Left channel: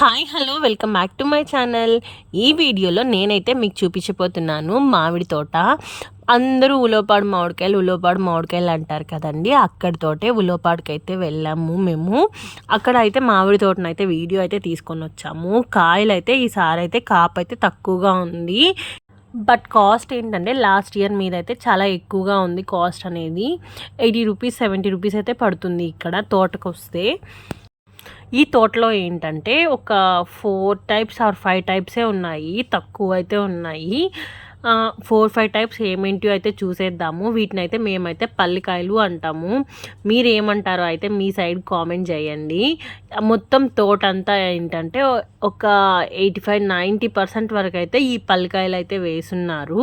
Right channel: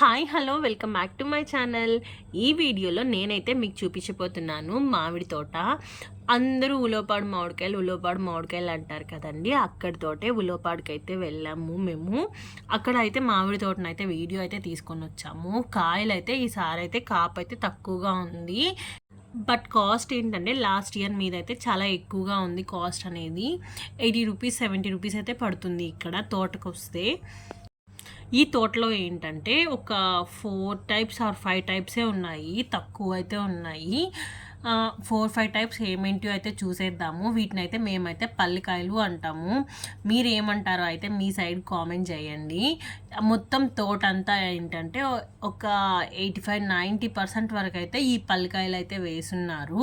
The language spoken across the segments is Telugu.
Hi hello welcome back to my channel. ఈ వీడియోలో నేనైతే మీకు చూపించబోతున్నాను మామిడి తోట. అందరూ ఉలోపాడు మామిడికాయలు ఉలోపాడు మామిడికాయలు అంటారు కదండి. అక్కడితోటే ఉలోపాడుకి అయితే వెళ్ళాము మేము. అక్కడ అయితే మామిడి తోటను అయితే వీడియో అయితే తీసుకొని వచ్చాము. కాయలు అయితే ఈసారి అయితే కాపు అయితే తక్కువగా ఉంది. బట్ కాస్ట్ ఏంటంటే లాస్ట్ ఇయర్ మీద అయితే చాలా ఎక్కువగా ఉంది కాస్ట్ అనేది. ఎయిటీ రూపీస్ సెవెంటీ రూపీస్ అయితే పడుతుంది ఇక్కడ తోటకు వస్తే ఈ తోటలో ఏంటంటే ఒక ఫోర్ టైప్స్ ఆర్ ఫైవ్ టైప్సే ఉన్నాయి తక్కువ అయితే ఉన్నాయి ఫోర్ ఫైవ్ టైప్స్ ఏమేంటివో అయితే చూసేద్దాము. వీటిని అయితే మేమైతే పల్లికాయలు అంటాము. మీరు ఏమంటారో అయితే మీ సైడ్ కామెంట్ చేయండి. మొత్తం తోట అంతా ఏంటంటే ఒక ఎయిటీ ఫైవ్ నైంటీ పర్సెంట్ వరకు అయితే ఈ పల్లికాయలు అయితే వేసున్నారు.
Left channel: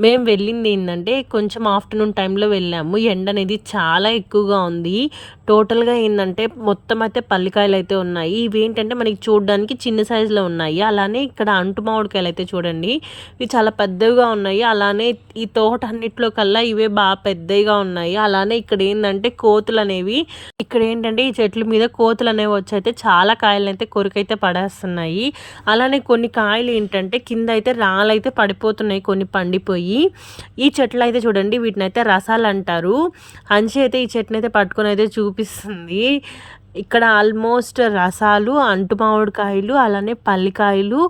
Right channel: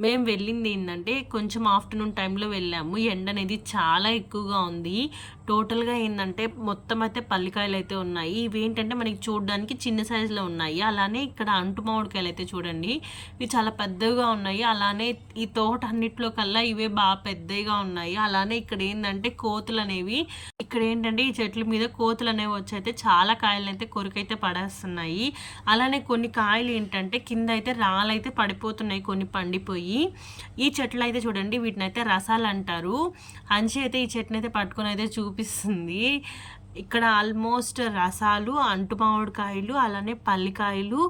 మేము వెళ్ళింది ఏంటంటే కొంచెం ఆఫ్టర్నూన్ టైంలో వెళ్ళాము. ఎండ అనేది చాలా ఎక్కువగా ఉంది. టోటల్గా ఏంటంటే మొత్తం అయితే పల్లికాయలు అయితే ఉన్నాయి. ఇవి ఏంటంటే మనకి చూడడానికి చిన్న సైజులో ఉన్నాయి. అలానే ఇక్కడ అంటు మామిడికాయలు అయితే చూడండి. ఇవి చాలా పెద్దవిగా ఉన్నాయి. అలానే ఈ తోట అన్నిట్లో కల్లా ఇవే బాగా పెద్దవిగా ఉన్నాయి. అలానే ఇక్కడ ఏంటంటే కోతులు అనేవి ఇక్కడ ఏంటంటే ఈ చెట్ల మీద కోతులు అనేవి వచ్చి అయితే చాలా కాయలు అయితే కొరికైతే పడేస్తున్నాయి. అలానే కొన్ని కాయలు ఏంటంటే కింద అయితే రాళ్ళైతే పడిపోతున్నాయి కొన్ని పండిపోయి. ఈ చెట్లు అయితే చూడండి వీటిని అయితే రసాలు అంటారు అంచి అయితే ఈ చెట్టుని అయితే పట్టుకొని అయితే అనిపిస్తుంది ఇక్కడ ఆల్మోస్ట్ రసాలు అంటు మామిడికాయలు అలానే పల్లికాయలు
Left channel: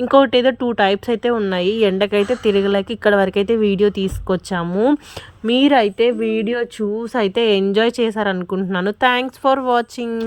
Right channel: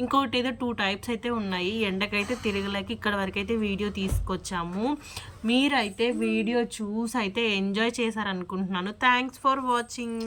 ఇంకొకటి ఏదో టూ టైప్స్ అయితే ఉన్నాయి. ఎండకైతే తిరగలేక ఇక్కడ వరకు అయితే వీడియో తీసుకొచ్చాము. మీరైతే వీడియో చూసి అయితే ఎంజాయ్ చేశారనుకుంటున్నాను. Thanks for watching